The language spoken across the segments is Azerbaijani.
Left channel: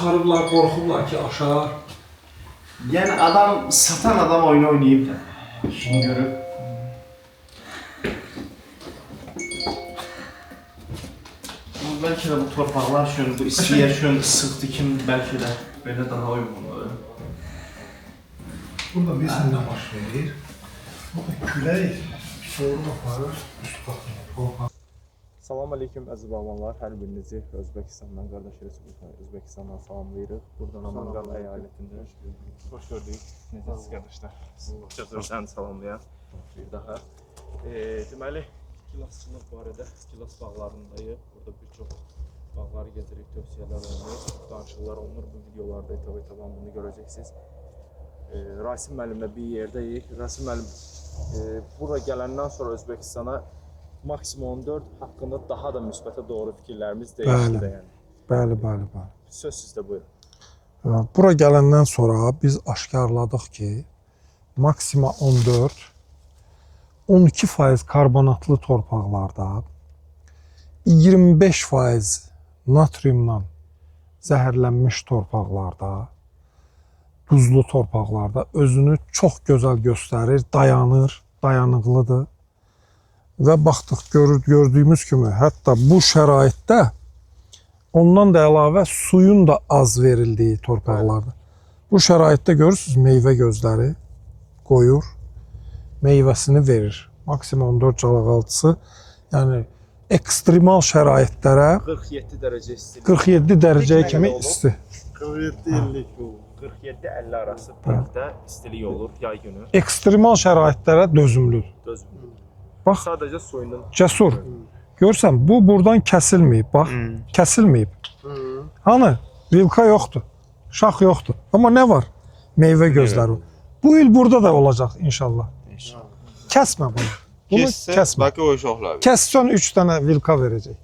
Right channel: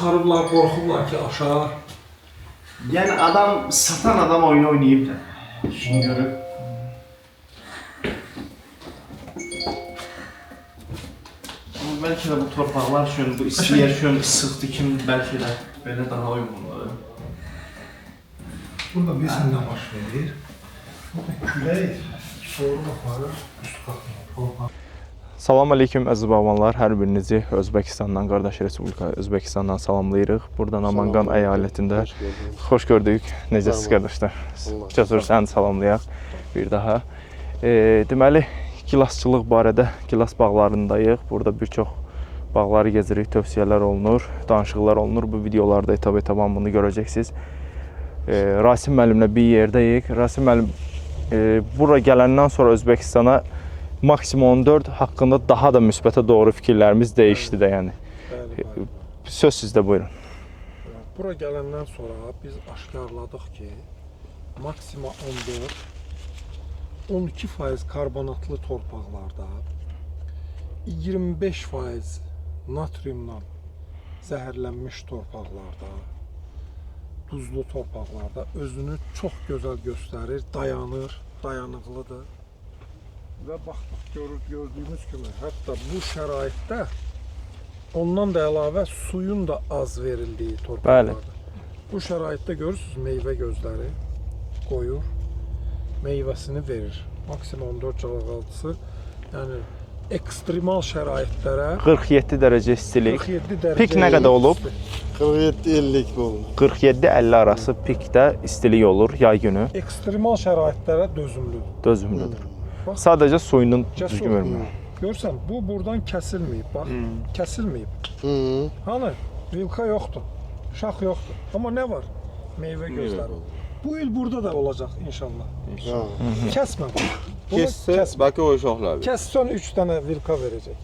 çıxarıblar, qorxublar ki, aşağı. Yəni adam, satan adam oyunu oynayıb da. İşini görüb. Amma bəlkə də bu torpaqlar üçün, bu isti yer üçün sıxdı kimi bəlkə də belə daha uyğundur. Burada bilirsin nə baş verir. Külək soğuq aparır, üst qatına. Salam aleyküm əziz babanlar, hər birinizi Özbəkistandan, qardaş Respublika Özbəkistandan salamlayırıq. Buradan Namangan əyalətində xoş gördük. Necəsiz qardaşlar? Cəsur səni salamlayaq bir daha. Deməli, gilasçılıq barədə gilas bağlarındayıq. Burada bir çox bağları gezirik, tövsiyələr olunur, danışıqlar olunur. Bu videolarda etap-etaban bunu görəcəksiniz. Rasim müəllimlə bir yerdəyik. Rasim müəllim bura gələndən sonra Özbəkistana maksimum 14 haqqında daha da müsbətə doğru fikirlərimiz dəyişdi də yəni. Bəli. Söz sizdə, buyurun. Bura gələndən sonra biz aşkarladıq ki, maksima 14, 12% karbonatlı torpaqlarda, 25% natriumla zəhərlənmiş torpaqlarda, duzlu torpaqlarda özünü çox gözəl göstərir, dayanır, dayanıqlıdır. Və baxdıq, gördüyümüz kimi, hətta bu şəraitdə ondan da əlavə suyun da az verildiyi torpaqlardır. Bu şəraitdə görürsünüz, meyvə gözləri qoyur, meyvəsini verir. Maksimum 14 calaqaltısı, yəni ekstremal şəraitlərə 47 dərəcə istilik. 47 dərəcə Pik nə qədər olub? 47-50 oldu. 47-50 arası pikdə istilik olur yay günü. Ekstremal şəraitlərə dözümlüdür. Dözümlüdür. Bax, Sadəcə suyunun cəsur. Görsən, bu buradan kəsilməyib, bax, kəsilməyib. Hani, vilka yoxdur, şax yoxdur. Amma nə var? Meyvə gözləri. Bu il burada da olacaq inşallah. Kəsmə bunu. Bunu kəsmə. Bakı uşaqlar. Kəssən 3 dənə vilka verəcək.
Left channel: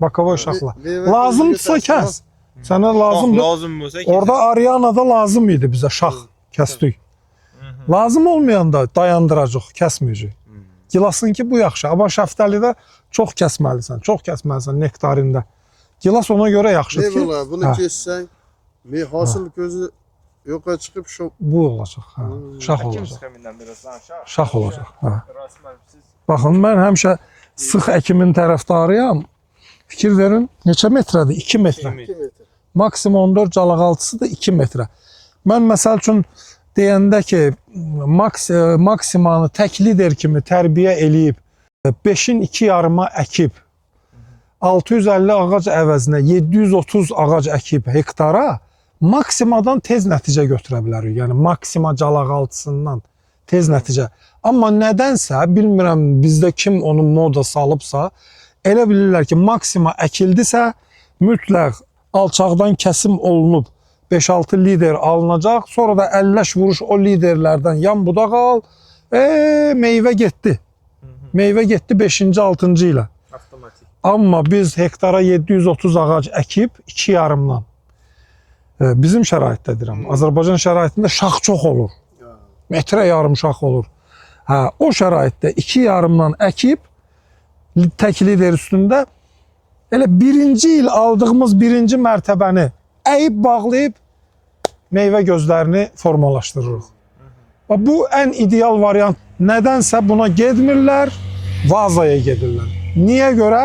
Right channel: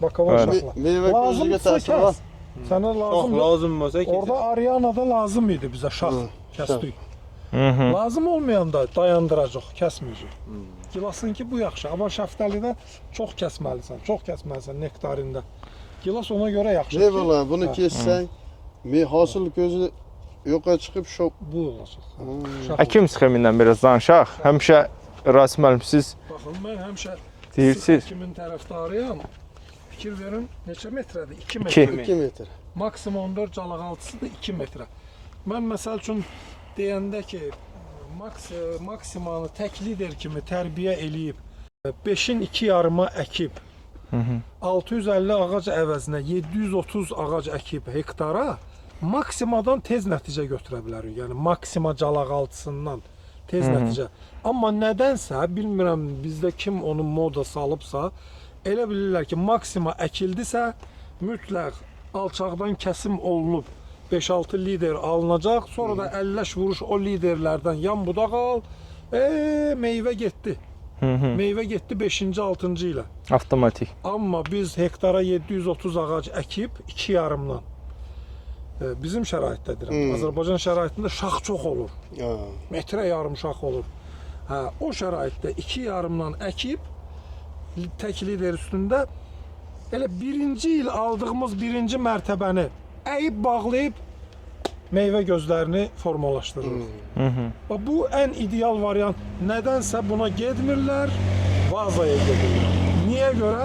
Bakava uşaqlar. Lazımdırsa kəs. Sənə lazımdır. Lazım olsa Orada Ariyanada lazım idi bizə şax kəsdik. Lazım olmayanda dayandıracaq, kəsməyəcək. Gilasınki bu yaxşı, amma şəftəlidə çox kəsməlisən, nektarində. Gilas ona görə yaxşıdır ki... Eyvallah, bunu kessən, hasıl gözü yoxa çıxıb şok. Bu olacaq, şax olacaq. Əkim sxemindən biraz danışaq. Həmişə Rasim müəllim, siz... Baxın, mən həmişə sıx əkimin tərəfdarıyam. Fikir verin, neçə metrədir? 2 metrə. 2 metr. Maksimum 14 calaqaltısı da 2 metrə. Mən məsəl üçün deyəndə ki, maksimanı tək lider kimi tərbiyə eləyib, 5-in 2 yarıma əkib, 650 ağac əvəzinə 730 ağac əkib hektara, maksimadan tez nəticə götürə bilərik. Yəni, maksima calaqaltısından tez nəticə. Amma nədənsə, bilmirəm bizdə kim onu moda salıbsa, elə bilirlər ki, maksima əkildisə, mütləq alçaqdan kəsim olunub, 5-6 lider alınacaq, sonra da 50 vuruş o liderlərdən yan budaq al, meyvə getdi. Meyvə getdi 5-ci, 6-cı ilə. Avtomatik. Amma biz hektara 730 ağac əkib, 2 yarımdan. Bizim şəraitdə deyirəm, Azərbaycan şəraitində şax çox olur. Metrə yarım şax olur. O şəraitdə 2 yarımdan əkib, tək lider üstündə, elə birinci il aldığımız birinci mərtəbəni əyib, bağlayıb, meyvə gözlərini formalaşdırırıq. Bu ən ideal variant. Nədənsə buna gedmirlər, vazaya gedirlər. Niyə görə?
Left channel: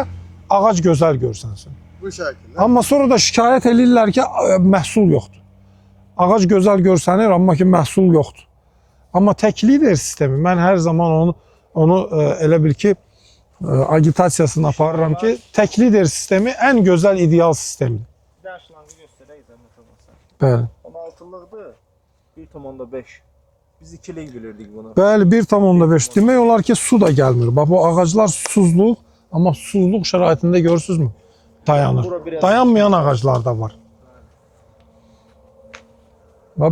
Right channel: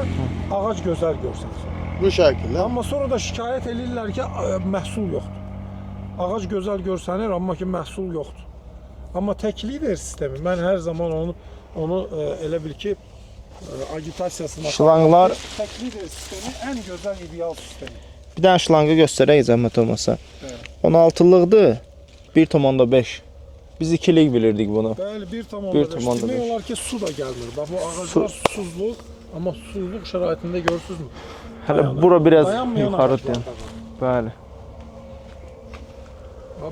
Ağac gözəl görsənsin. Bu şəkildə. Amma sonra da şikayət edirlər ki, məhsul yoxdur. Ağac gözəl görsənir, amma ki, məhsul yoxdur. Amma tək lider sistemi, mən hər zaman onu elə bil ki, agitasiyasını aparıram ki, tək lider sistemi ən gözəl, ideal sistemi. Bir dənə şlanqı göstərək, zəhmət olmasa. Bəli. 16-lıqdır, 1,5. Biz 2'lik bilirdik bunu. Bəli, 1,5. Demək olar ki, su da gəlmir. Bax, bu ağaclar susuzluq, amma susuzluq şəraitində görürsünüzmü? Dayanır. Bura biraz dayanmayan ağaclar da var. Bəli.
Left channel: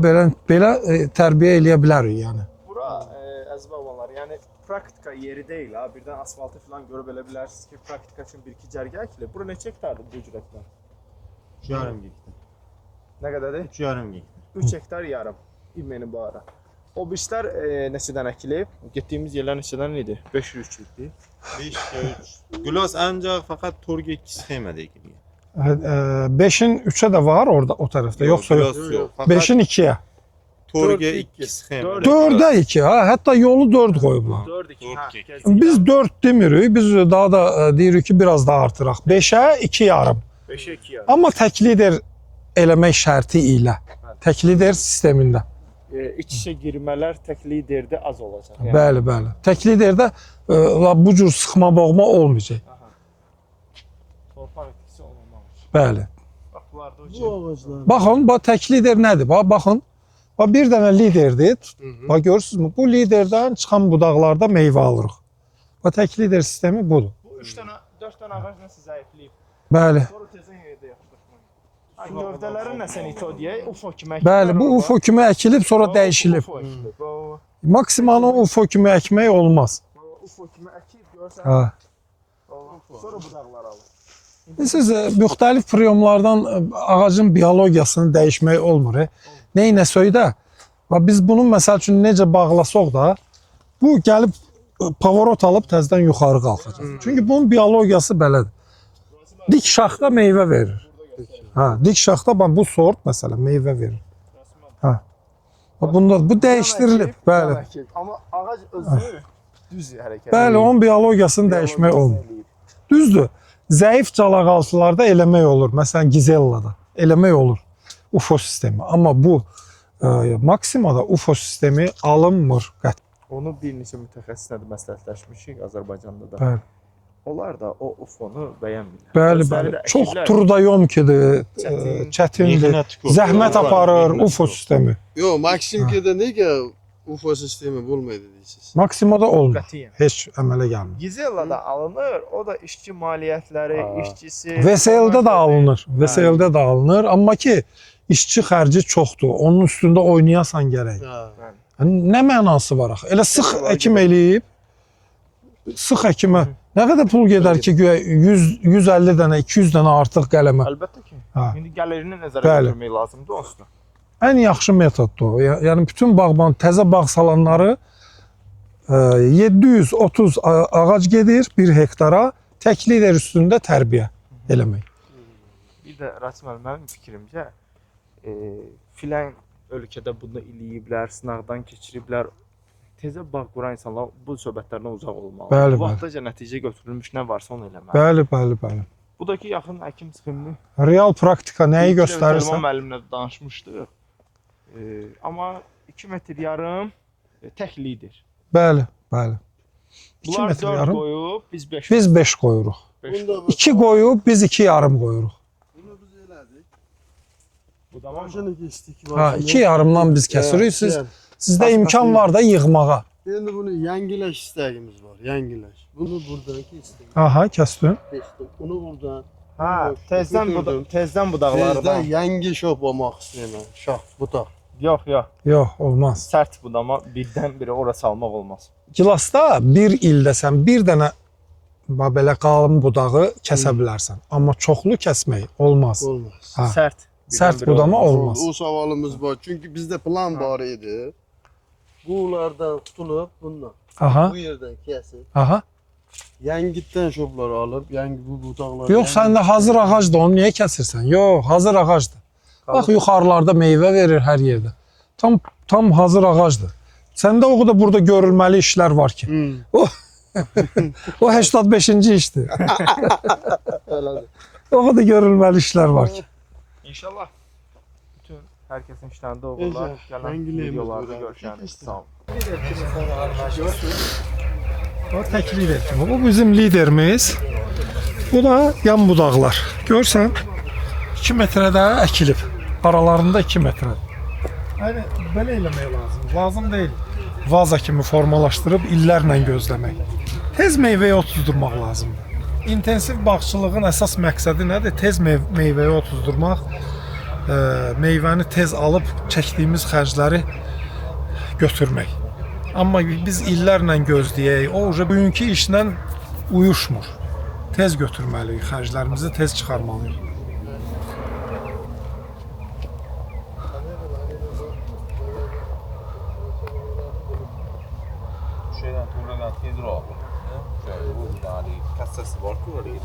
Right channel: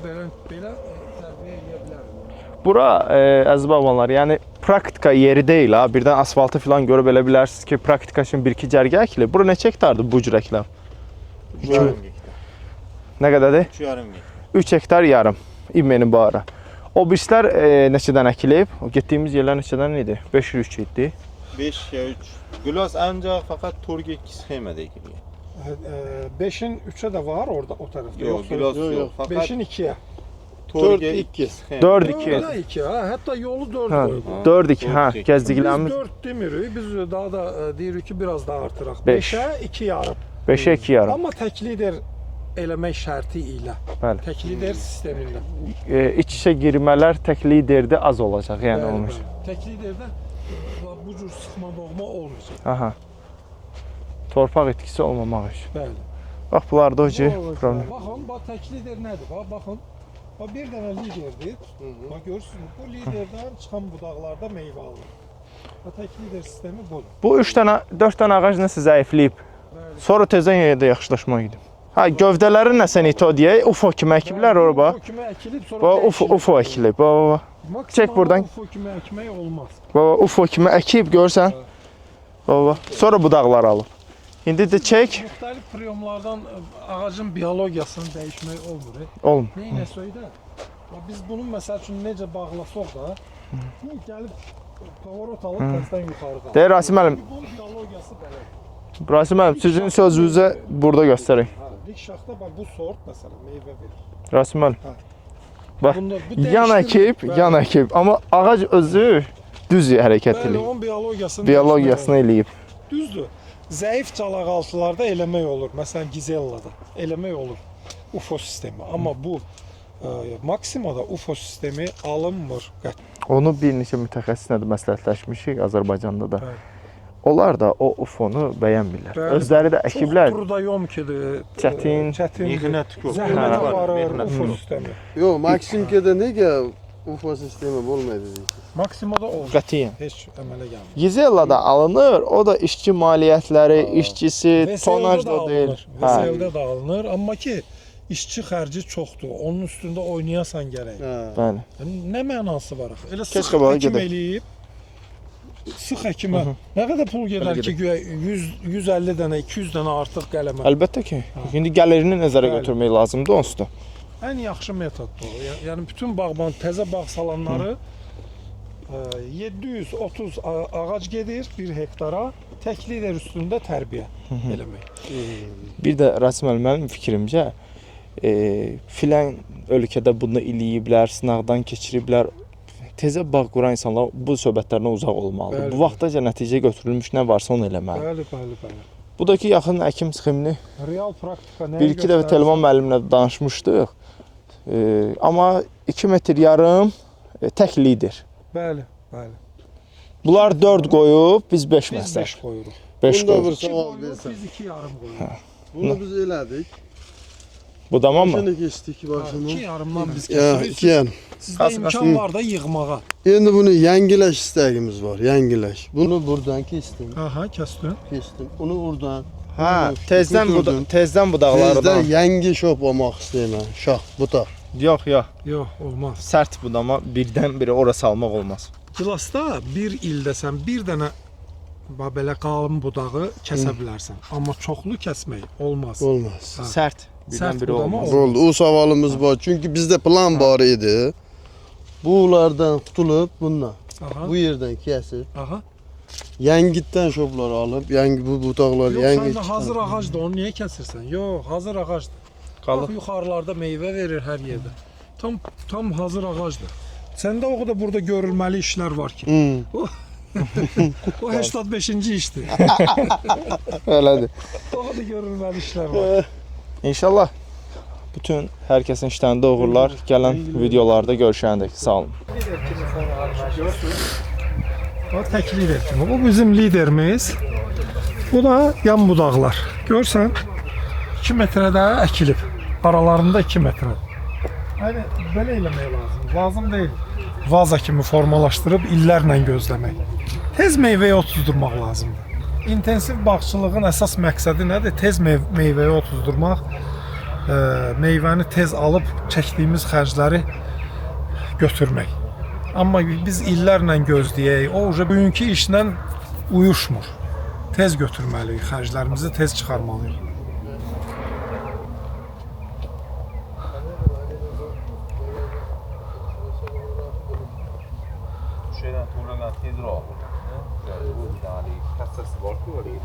Belə tərbiyə eləyə bilərik, yəni. Bura, əziz babanlar, yəni praktika yeri deyil ha. Birdən asfaltı falan görüb elə bilərsiniz ki, praktika üçün 1-2 cərgə əkilir. Bura neçə hektardır bu cür əkiləm? 3 yarım hektar. Nə qədərdir? 3 yarım hektar. 3 hektar yarım İmmenin bağıra. O birislər neçədən əkilib? O getdiyimiz yerlər neçədən idi? 503 idi. 5 ya 3. Gülas ancaq faqat Turkiya 2 sxemada ekilgan. 5'in 3'e de var orada o tarafta. Yoksa yok. Yok. 5'in 2'ye. Torge 2. 4'e 2 ha. Hatta yolu 4 qoyub. 4-2, hə, Biz gəzdiklərimiz 4 demirik. Biz daha da deyirik ki, biraz daha artıraq. 5'e 2 yarım. 5-ə 2 yarım. Amma tək lider eləmək şərti ilə. Bəli. Tək lider sistemində. İç-içə girmələr tək liderdə az olacaq. Yəni Bəli, bəli. Tək liderdə bu cür sıxma boğma olmayacaq. Aha. Torpaq itkisi olmamaq üçün. Bəli. Bax bunlarda o ki, problem. Baxın, bax tək lider nədir? Baxın. Bax bir dənə liderdir. Bax görürsünüzmü? Bu liderdən çıxan budaqlarda meyvə alırıq. Bax tək lider sistemi budur. Bu 3 dənə, 4 dənə ağac nəsə zəifləyib. Bəli. Sonra tezdən yenə də yaxşılaşma idi. Ha, gövdələri nəsə nito deyə UFO kimi əkiblər Bəli, bu orada. UFO kimi əkilib, sonra dəyişilib. UFO əkilib. Baba. Maksimal buradan- UFO kimi əkmək olmaz. Baba UFO kimi əkib görsən. Ha. Baba. Sonra budaqlar alıb. İndi də Siz çək. müxtəlif priyomlardan ağacın biologiyasını dəyişmək olmur. Olmur. Neynəsək də, biz bunu məsəl üçün necə bağlasaq da, bu gəlib pavorot alıb təzədən yuxarı qalxır. Deyir Rasim müəllim. Çünki bunun biologiyası belədir. Rasim müəllim, Dik sizin şaxta meyvə sözünüzə verir. burada göstərin. Ha, dik şaxta bax bu sort məsələn meyvə verir. Rasim müəllim. Bax bunda bu Yan dəyişdirilir. əkib, yan əkib. Amma ağac özü düz hərəkət Bəli, edir. onun biologiyasını dəyişmək Biologiyasını olmur. eləyib. Düzdür. Zəif calaqaltılarda eləmək olur. Məsələn, Gizellada eləmək olur. UFO sistemi. Amma bu maksimada UFO sistemi alınmır. Onu bir neçə mütəxəssislə də məsləhətləşmişik Azərbaycanda da. Bəli. Onlar da o UFO-nu bəyənmirlər. Bəli, Özləri də bəli. Çox əkiblər. trudayomkidir, Çətin, çətindir, zəhmət aparır UFO sistemi. Yox, Maksimkədə nəyə UFO sistemi olmaydı deyirsiniz? Maksimada olmur. qətiyyən. Heç əmələ gəlmir. Gizellada alınır, o da işçi maliyyətləri, işçisi, VSL-də də alınır. Hə. VSL-də də alınır, amma ki işçi xərci çoxdur. Onun üstündə oynayasan gərək. Bəli. Nə mənası var axı? Elə sıx Keşke bana əkim gedək. eləyib. Sıx əkimə nə qədər pul gedər ki, güya 150 dənə, 200 dənə artıq qələmə. Əlbəttə ki, Ha. indi gəlirini nəzərə Bəli. götürmək lazımdır onsuz da. Ən yaxşı metoddur. Yəni bütün bağban təzə bağ salanları 730 ağac gedir 1 hektara. Tək lider üstündə tərbiyə eləmək. Bir də Rasim müəllim, mənim fikrimcə, filan ölkədə bunu eləyiblər, sınaqdan keçiriblər. Tezə bağ quran insanlar bu söhbətlərdən uzaq olmalı. Bəli, Bu vaxtaca nəticə götürülmüş nə varsa onu eləməli. Bəli, bəli, bəli. Bu da ki, yaxın əkim sxemini Real praktika nəyi İlk dəfə Telman göstərirsə. müəllimlə danışmışdıq. Amma 2 metr yarım tək lider. Bəli, bəli. Bunlar metr 4 yarım. qoyub, biz 5 Biz 5 qoyuruq. 5 Bunda qoyub. 2 qoyub, biz 2 yarım qoyuruq. Bunu biz elədik. Bu tamam mı? Şimdi keçdik. Ha, 2 yarımdan biz kəsirik. Sizdə imkan var da yığmağa. Şimdi bunu yengiləş istəyimiz var, yengiləş. Bunu buradan kestim, Aha, kəsdin. kestim. Onu buradan. Hə, Götürdüm. tezdən Tezdə budaqlardan. yengi şop olmaq istəyirəm. Şax, butaq. Yox, yox. Yox, olmaz. Sərt budama birdən-birə ora salmaq olmaz. Gilasda bir ildə sən bir dənə belə qalın budağı kəsə bilərsən. Amma çoxlu kəsmək olmaz. Olmaz. Ha. Sərt. Sərt birdən-birə budama olmaz. olmaz. Oldu. O savalımız var. Çünki bizdə plan var idi. Bulardan tutulub bununla. Aha, Bu yerdən kəsib, aha. yəngitdən şopları alıb, yəngi bu butaqları. Yox, səndə hazır ağacdır, onu niyə kəsirsən? Yox, hazır ağacdır. Bax, yuxarılarda meyvə verir hər yerdə. Tam hazır ağacdır. Səndə o da burada görülməli işlər var ki. O 85-ci işdir. Elədir. O da görülməli işlər var ki. İnşallah bütün hər kəsin işlərində uğurlar. Gələn videolarda görüşəndək. Sağ olun. O tək lider kimi. Bu bizim liderimiz. Bu da yan budaqlar. Görsən 2 metrədə əkilib. Aralarında 2 metrə. Yəni belə eləmək lazım. Lazım deyil. Vaza kimi formalaşdırıb illərlə gözləmək. Tez meyvəyə otuzdurmaq lazımdır. İntensiv bağçılığın əsas məqsədi nədir? Tez meyvəyə otuzdurmaq, meyvəni tez alıb çəkdiyimiz xərcləri götürmək. Amma biz illərlə gözləyək, o bugünkü işlə uyuşmur. Tez götürməliyik, xərclərimizi tez çıxarmalıyıq. Şeyden Tuğra'dan hidro. Kassası var ki oraya.